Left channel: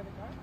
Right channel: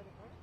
credit card?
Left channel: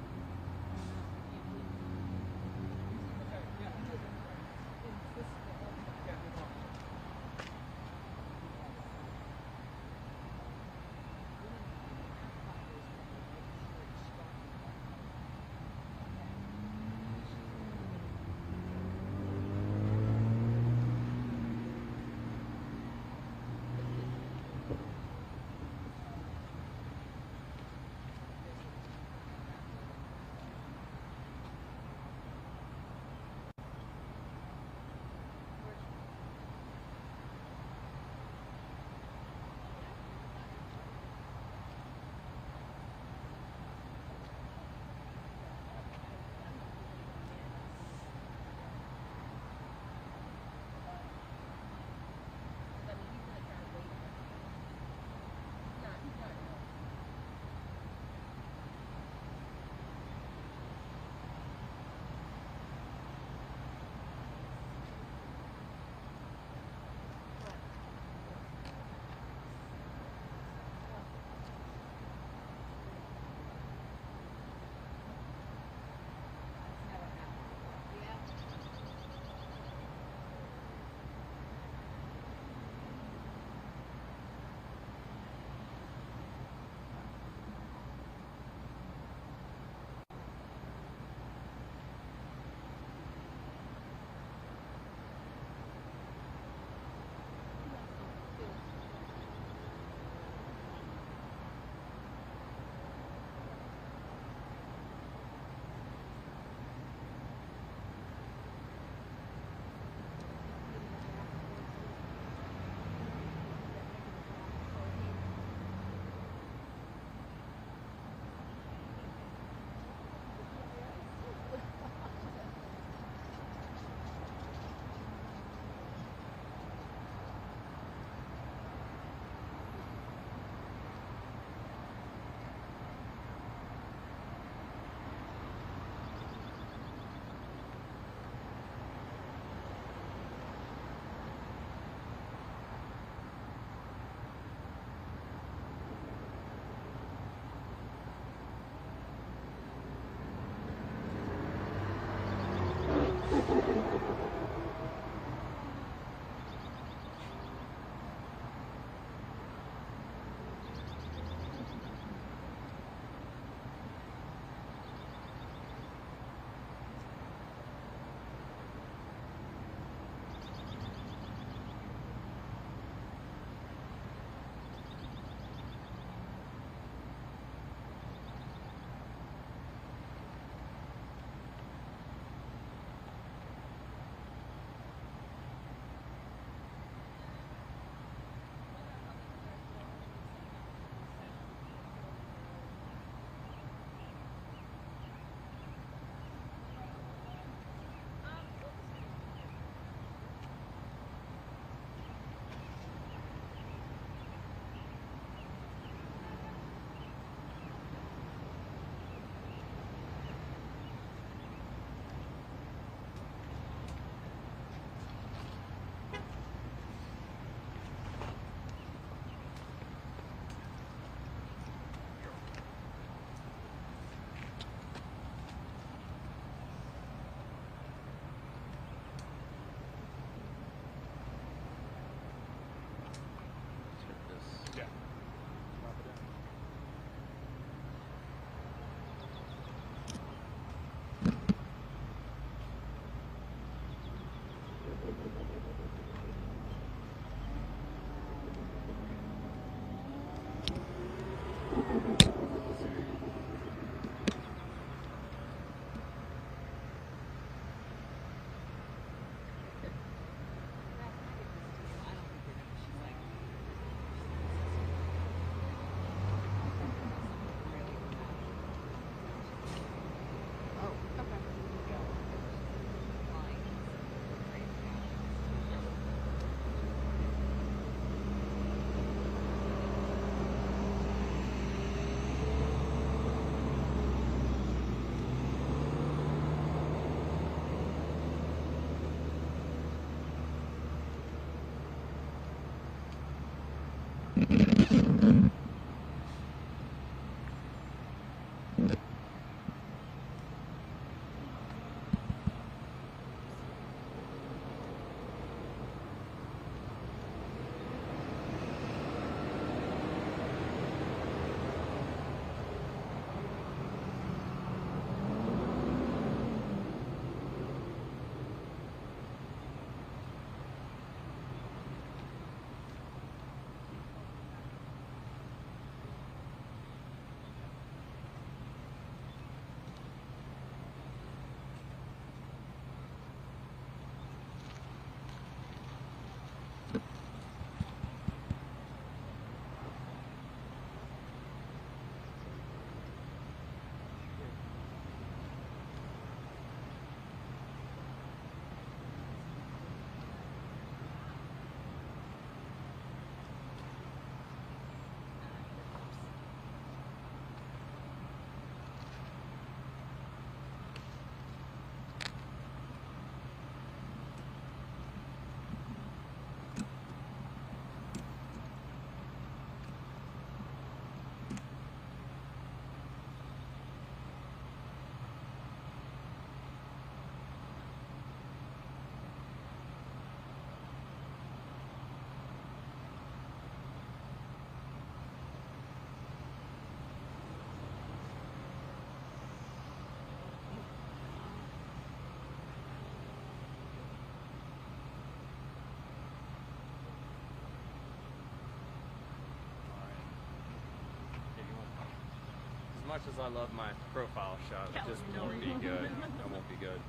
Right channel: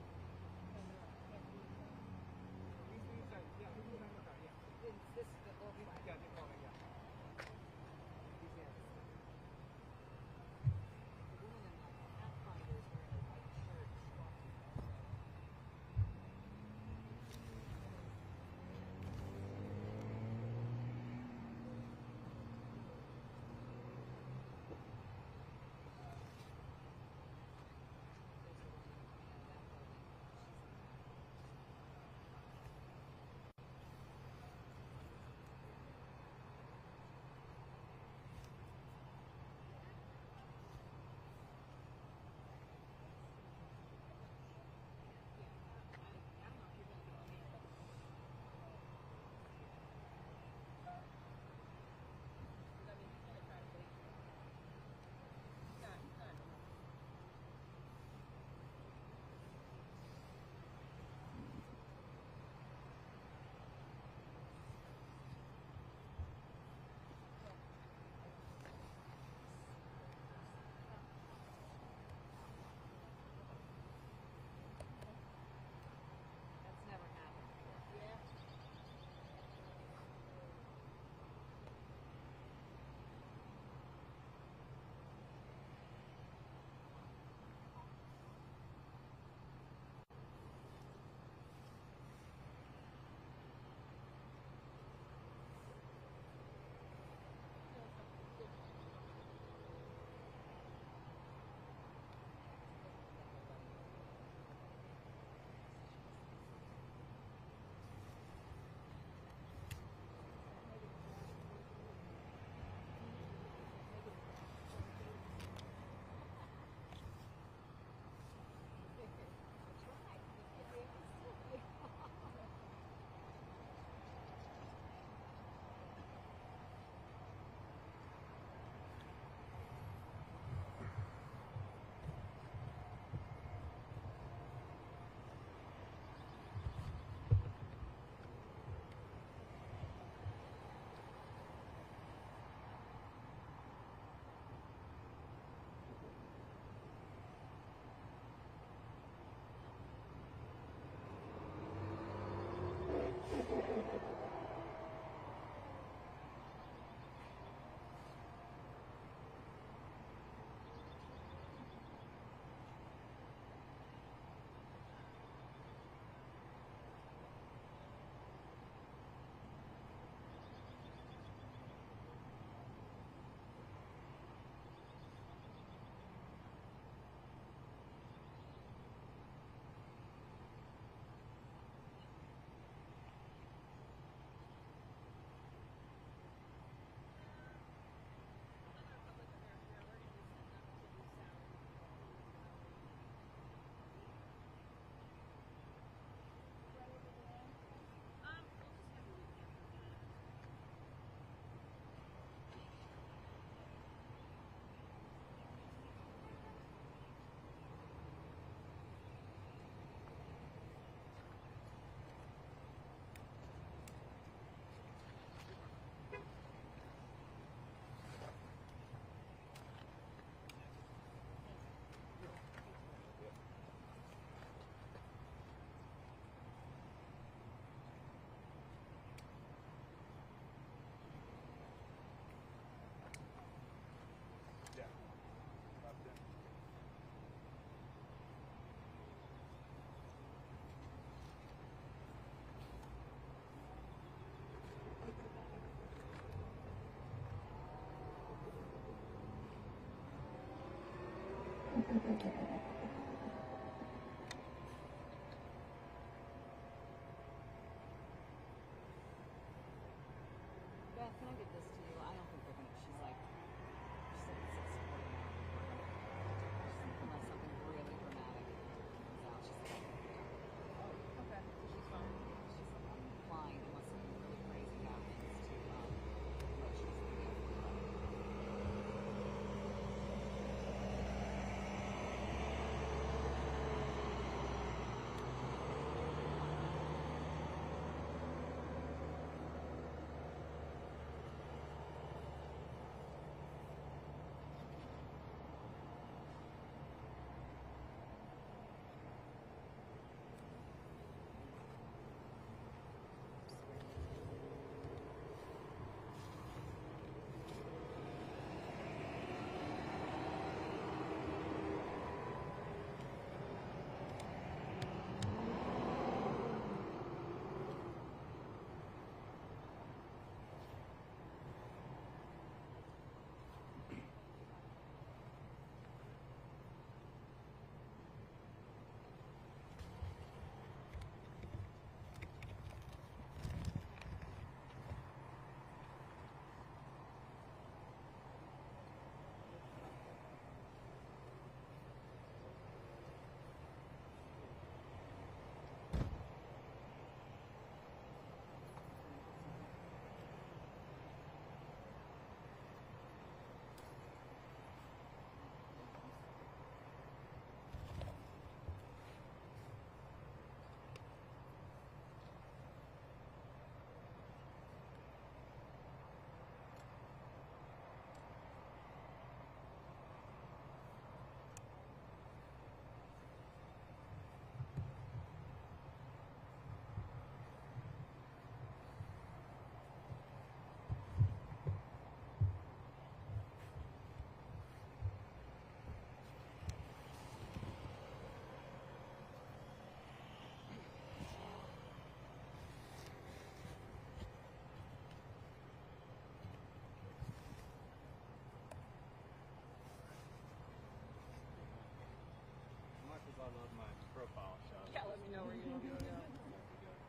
much as I love my profile shot, it just won't be good. It won't be good.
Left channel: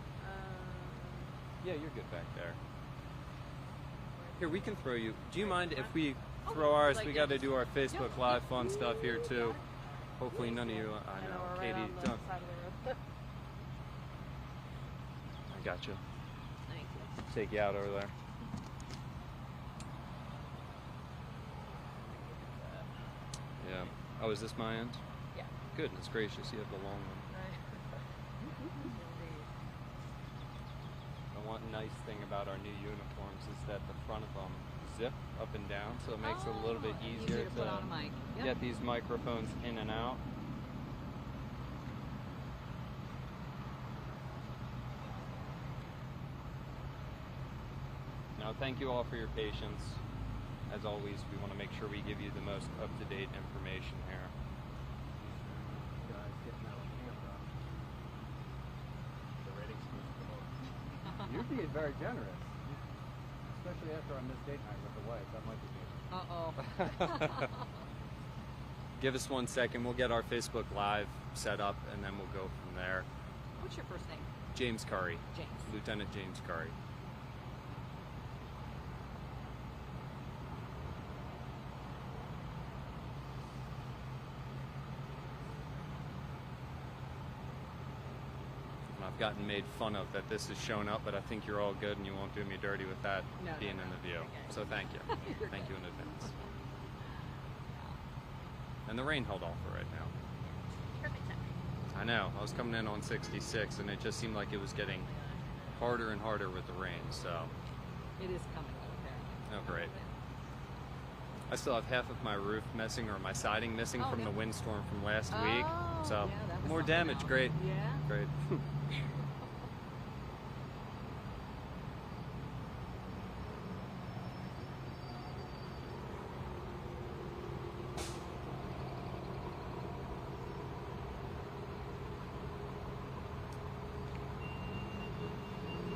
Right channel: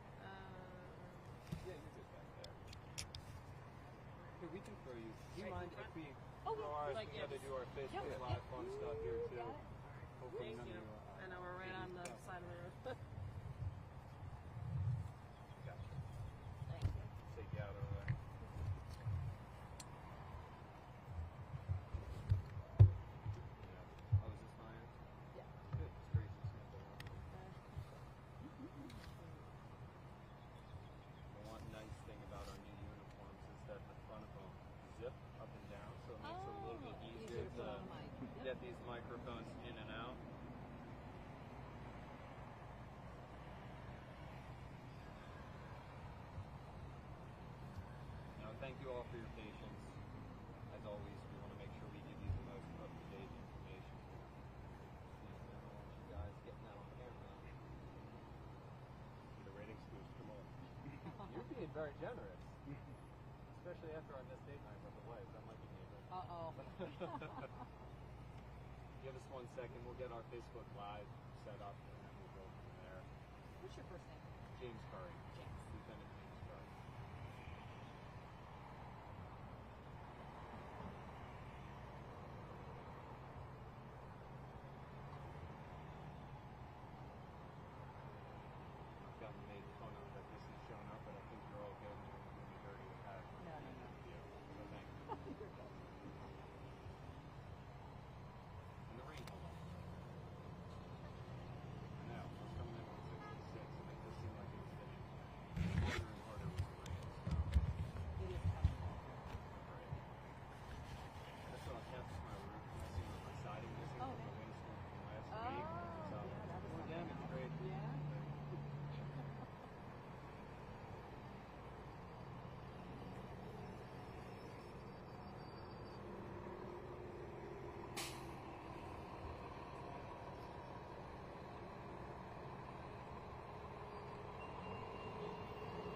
Yeah, you're good back there. Here, we can throw you. Do you mind if we throw ours? We got to do our Facebook Live fun stuff here too. Hopefully none of you. I know, Katie. Don't. I got you. Thank you. Take you out over there. Yeah. Oh, is this my end? Yeah. Goodness gracious, you have the long one. The one nice thing about our new uniforms is that the front of them zip up and down, so it makes it a little bit easier to put on a mic. Yep. Get these microphones in and out. Now, thank you all for your patience. As always, we want to make sure we give you the most up-to-date information here. You guys getting that on camera. The ratings supposed to come over. You're being very generous. Especially after I missed date night with the wife. That might be me. Uh-oh. Give us 1 second. We'll get our Facebook Live set up, and then we'll go from there. What's your first name? James Curry. James. Lieutenant James Curry. I've gotten made fun of that this has shown up, but I think you're all good and you won't do me dirty with that being in the view. So thank you. Thank you in advance. And the rain held off for right now. Perfect timing. I know. I was coming in on 66 and it just seemed like it was getting harder and harder with the rain, so. It is comfortable apparently. Oh, great. I still have half of my roof missing, or my siding missing from the windstorm from last week. So yeah, more damage. Great. Yeah. Great.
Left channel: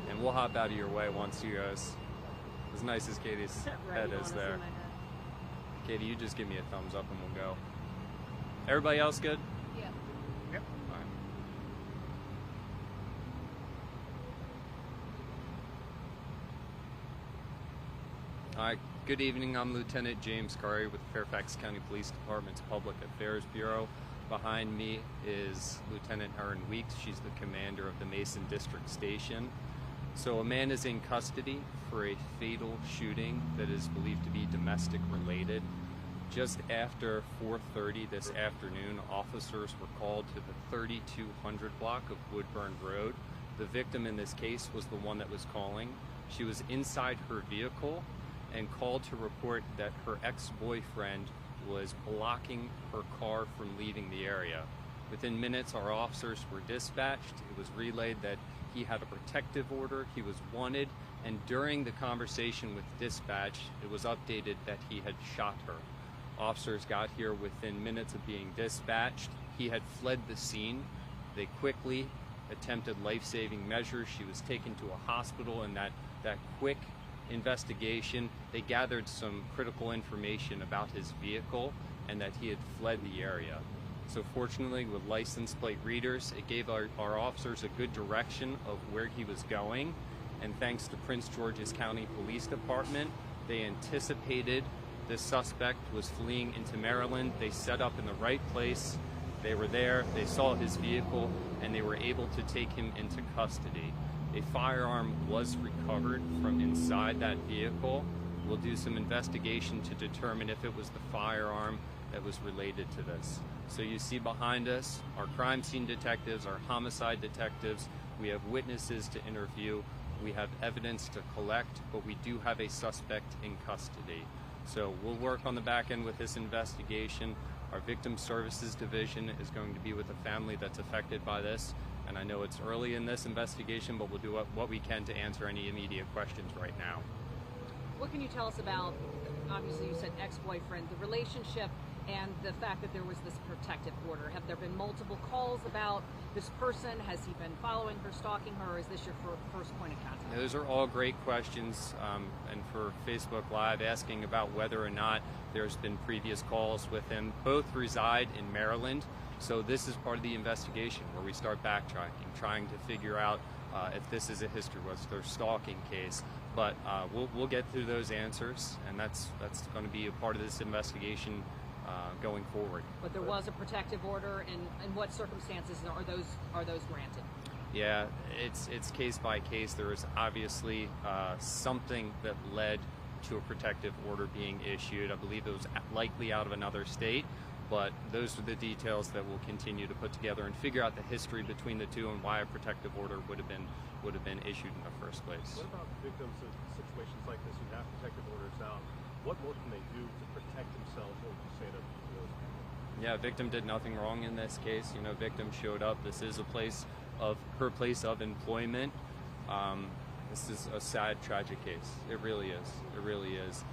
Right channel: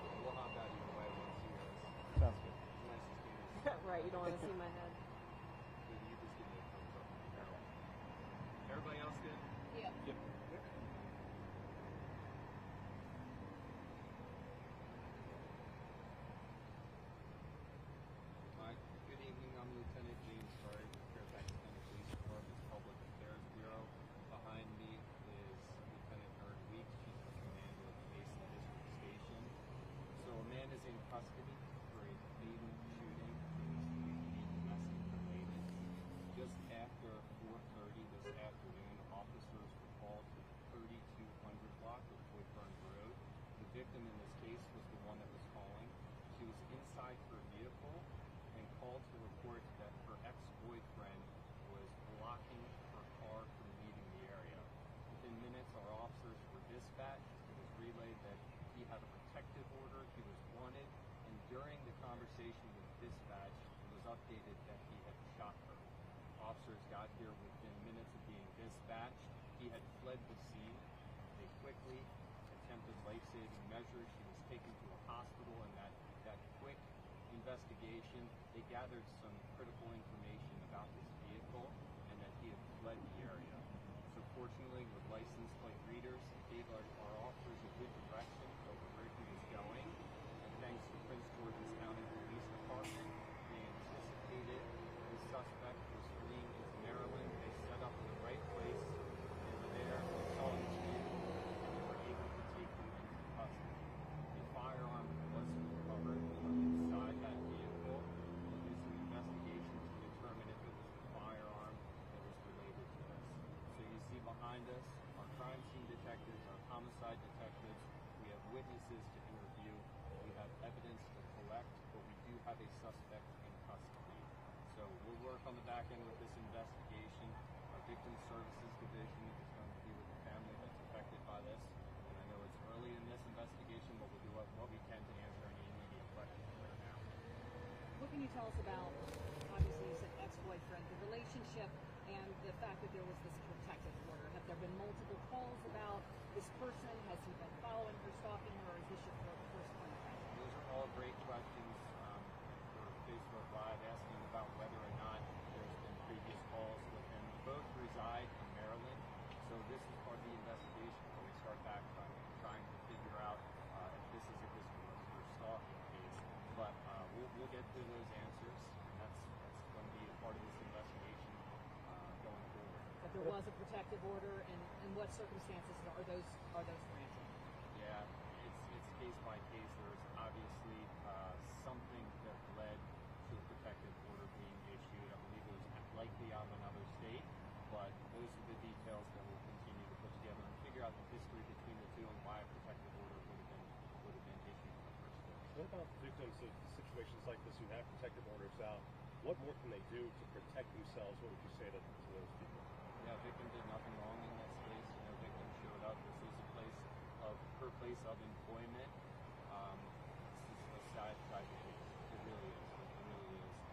And we'll hop out of your way once you guys. As nice as Katie's head is there. Katie, you just give me a thumbs up and we'll go. Everybody else good? Yeah. Yep. Fine. All right, good evening. I'm Lieutenant James Curry with the Fairfax County Police Department's Public Affairs Bureau. Behind me is Lieutenant Erin Weeks. She's the commander of the Mason District Station. So a man is in custody for a fatal shooting that is believed to be domestic related. Just after 4:30 this afternoon, officers were called to the 3200 block of Woodburn Road. The victim in this case was the one that was calling. She was inside her vehicle and called to report that her ex-boyfriend was blocking her car from leaving the area. Within minutes, our officers were dispatched. It was relayed that he had a protective order, he was wanted, and during the conversation with dispatch, it was updated that he had shot her. Officers got here within minutes of being dispatched. He had fled the scene. They quickly attempted life-saving measures. She was taken to a hospital, and that quick investigation, they gathered some critical information about his vehicle and that he had fled the area. So fortunately, with license plate readers, it gave our officers a good direction of where he was going. And thanks to Prince George's County Police Department, they anticipated this suspect was fleeing into Maryland. They set up in the right place. They were there, they saw his vehicle, and they were able to take him into custody. A firearm was recovered from inside that vehicle. We'll do some investigation to determine if it was the firearm that was related to this. So you see behind us our crime scene detectives, our homicide detectives. We have witnesses to interview. We have evidence to collect, but we do have a suspect in custody. So we'll work on the back end with this investigation. Our Victim Services Division is going to be with the family that's affected by this. And I know it's early in this investigation, but we'll do what we can to answer any immediate questions right now. What can you tell us about, obviously you said ex-boyfriend, the relationship and the fact that there was this protective order? Have there been multiple calls about this person? Has he been following her, stalking her, or is this your first point of contact? Those are all great questions, and for Facebook Live, asking about whether or not there's been previous calls with him. Both reside in Maryland, So this is part of the investigation where we start backtracking, trying to figure out if this is a history, what's their stalking case. But we'll get through those answers, and that's going to be a part of this investigation going forward. But there was a protective order, and in what circumstances are those granted? Yeah, it's case by case. There is obviously something that led to a protective order being issued. I believe it was likely out of another state, but those are the details that we'll continue to put together and figure out the history between the two and why a protective order would have been issued in the first place. What about victims of situations like this who have protective orders out? What more can they do to protect themselves? What would you say to those people? Yeah, victim did nothing wrong in this case. Victim showed up. This is her place of employment. This is a sad, tragic case. It really is. It really is.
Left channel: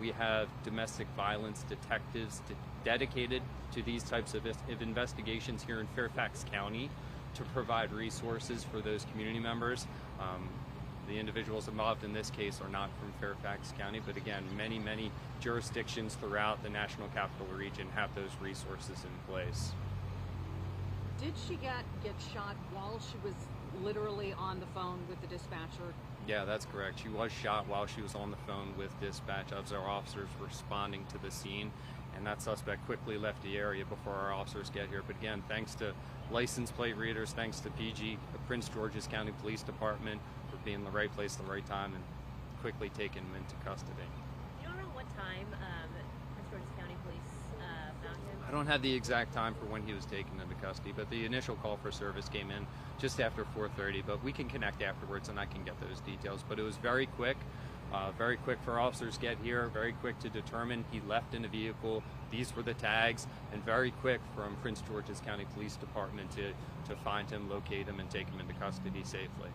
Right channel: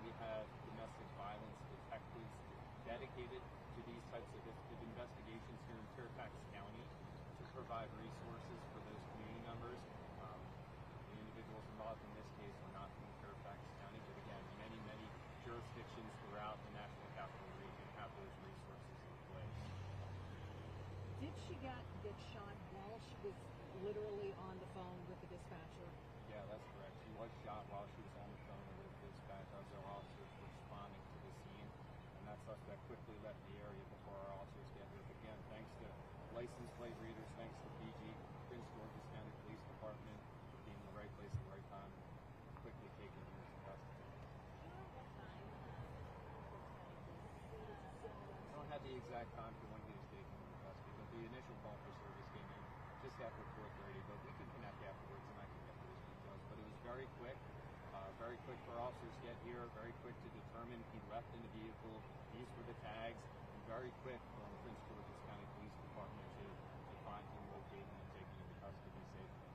We have domestic violence detectives dedicated to these types of investigations here in Fairfax County to provide resources for those community members. The individuals involved in this case are not from Fairfax County, but again, many jurisdictions throughout the National Capital Region have those resources in place. Did she get shot while she was literally on the phone with the dispatcher? Yeah, that's correct. She was shot while she was on the phone with dispatch as our officers were responding to the scene, and that suspect quickly left the area before our officers get here. But again, thanks to license plate readers, thanks to PG, the Prince George's County Police Department, for being in the right place at the right time and quickly taking him into custody. Do you know around what time Prince George's County Police found him? I don't have the exact time for when he was taken into custody, but the initial call for service came in just after 4:30, but we can connect afterwards and I can get those details. But it was very quick for officers to get here, very quick to determine he left in a vehicle, these were the tags, and very quick from Prince George's County Police Department to find him, locate him, and take him into custody safely.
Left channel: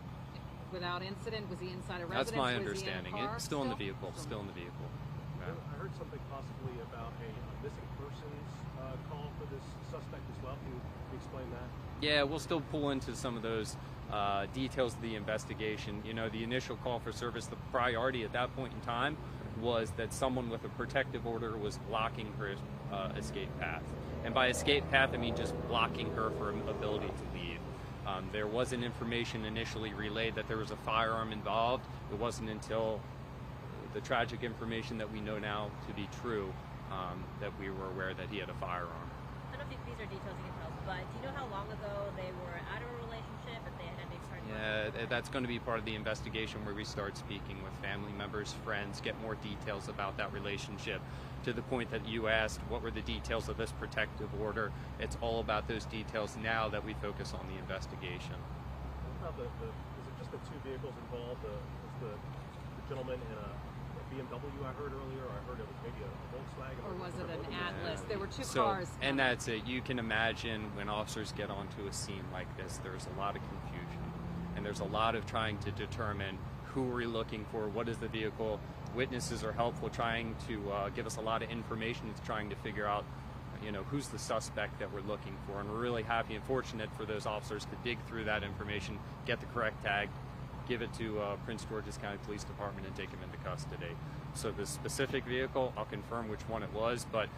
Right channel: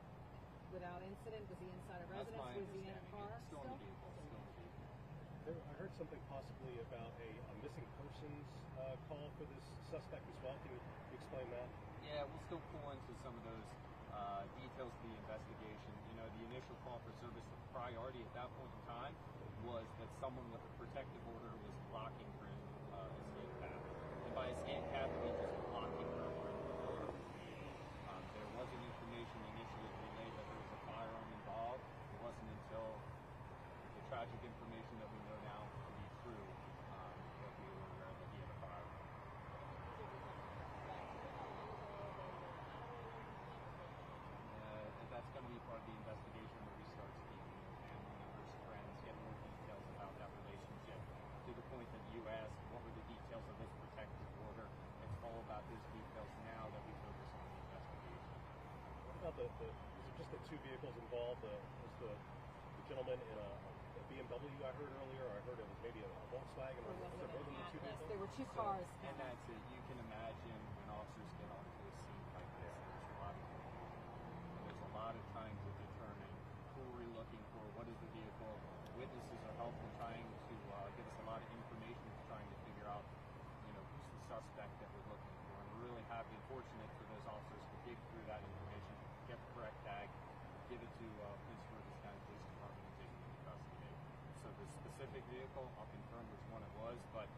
Without incident? Was he inside a residence? That's my Was understanding. He in a car It's still in the vehicle. Still in the vehicle. Yeah. I heard something possibly about a missing persons call for this suspect as well. Can you explain that? Yeah, we'll still pull into some of those details of the investigation. The initial call for service, the priority at that point in time was that someone with a protective order was blocking her escape path. And by escape path, I mean just blocking her from ability to leave. There wasn't information initially relayed that there was a firearm involved. It wasn't until the tragic information that we know now to be true that we were aware that he had a firearm. I don't know if these are details you can tell us, but do you know how long ago they were out of a relationship, if they had any started? Yeah, that's going to be part of the investigation where we start speaking with family members, friends, get more details about that relationship. To the point that you asked, what were the details of this protective order? It's all about those details now that we focus on the investigation. What about is it just the two vehicles involved? Was the gentleman in a BMW I heard earlier? I heard it was maybe a Volkswagen. Or was it an Atlas? Yeah. There were two cars. And that's it. You can imagine when officers get onto a scene like this, there's a lot of confusion. And there's a lot of trying to determine who are we looking for, what is the vehicle. Witnesses are helpful, trying to give us a lot of information. It's trying to figure out, who's the suspect that we're looking for. And we're really happy and fortunate for those officers to dig through that information, get the correct tag, give it to Prince George's County Police Department, and take him into custody. So the specific vehicle, I'll confirm which one it was, but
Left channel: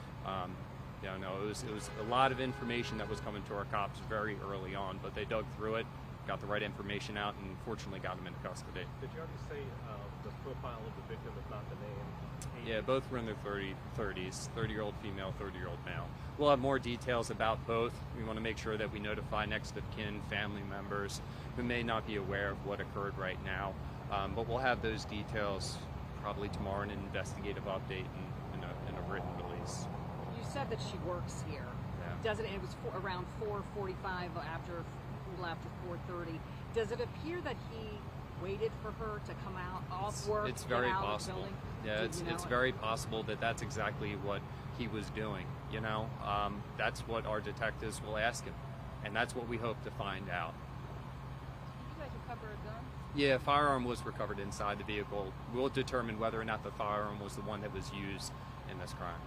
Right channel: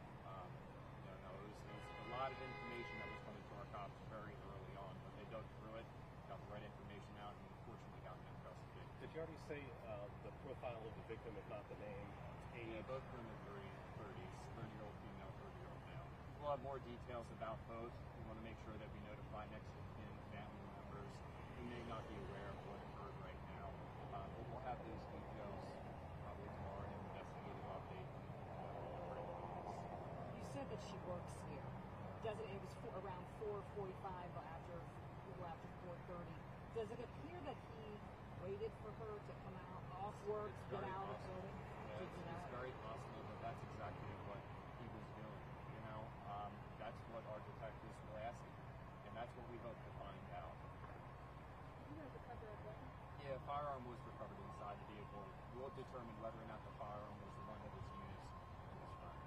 it was a lot of information that was coming to our cops very early on. But they dug through it, got the right information out, and fortunately got him into custody. Did you already say the profile of the victim, if not the name? Yeah, both were in their 30s, 30-year-old female, 30-year-old male. We'll have more details about both. We want to make sure that we notify next of kin, family members who may not be aware of what occurred right now. But we'll have those details probably tomorrow in an investigative update and in a written release. You said that she works here. Yeah. It was around 4:45 a little after 4:30. Does it appear that he waited for her to come out off work? It's very get out possible. Of the building? Yeah, it's very possible that that's exactly what he was doing. That's what our detectives will ask him, and that's what we hope to find out. Did you guys recover a gun? Yeah, a firearm was recovered inside the vehicle. We'll determine whether or not the firearm was the one that was used in this crime.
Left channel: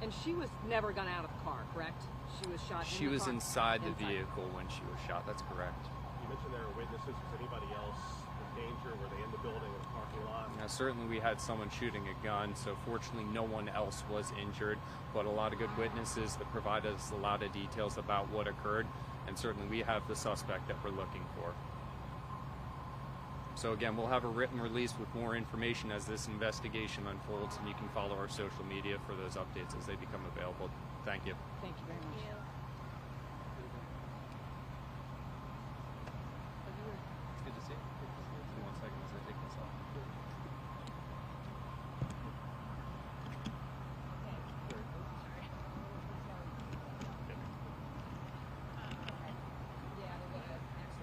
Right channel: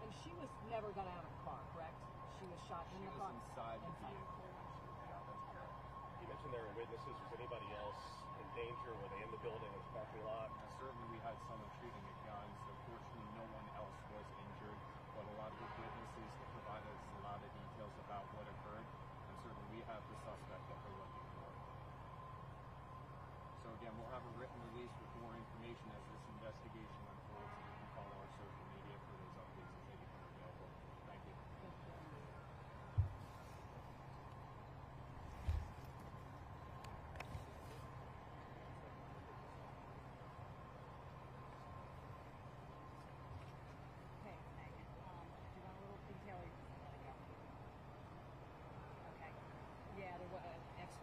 And she was never got out of the car, correct? She was shot. She in the was car? inside the vehicle when she was shot. That's correct. You mentioned there were witnesses. Was anybody else danger? Were they in the building, in the parking lot? Now, certainly we had someone shooting a gun, so fortunately no one else was injured, but a lot of good witnesses that provide us a lot of details about what occurred, and certainly we have the suspect that we're looking for. So again, we'll have a written release with more information as this investigation unfolds, and you can follow our social media for those updates as they become available. Thank you. Thank you very much. Thank you.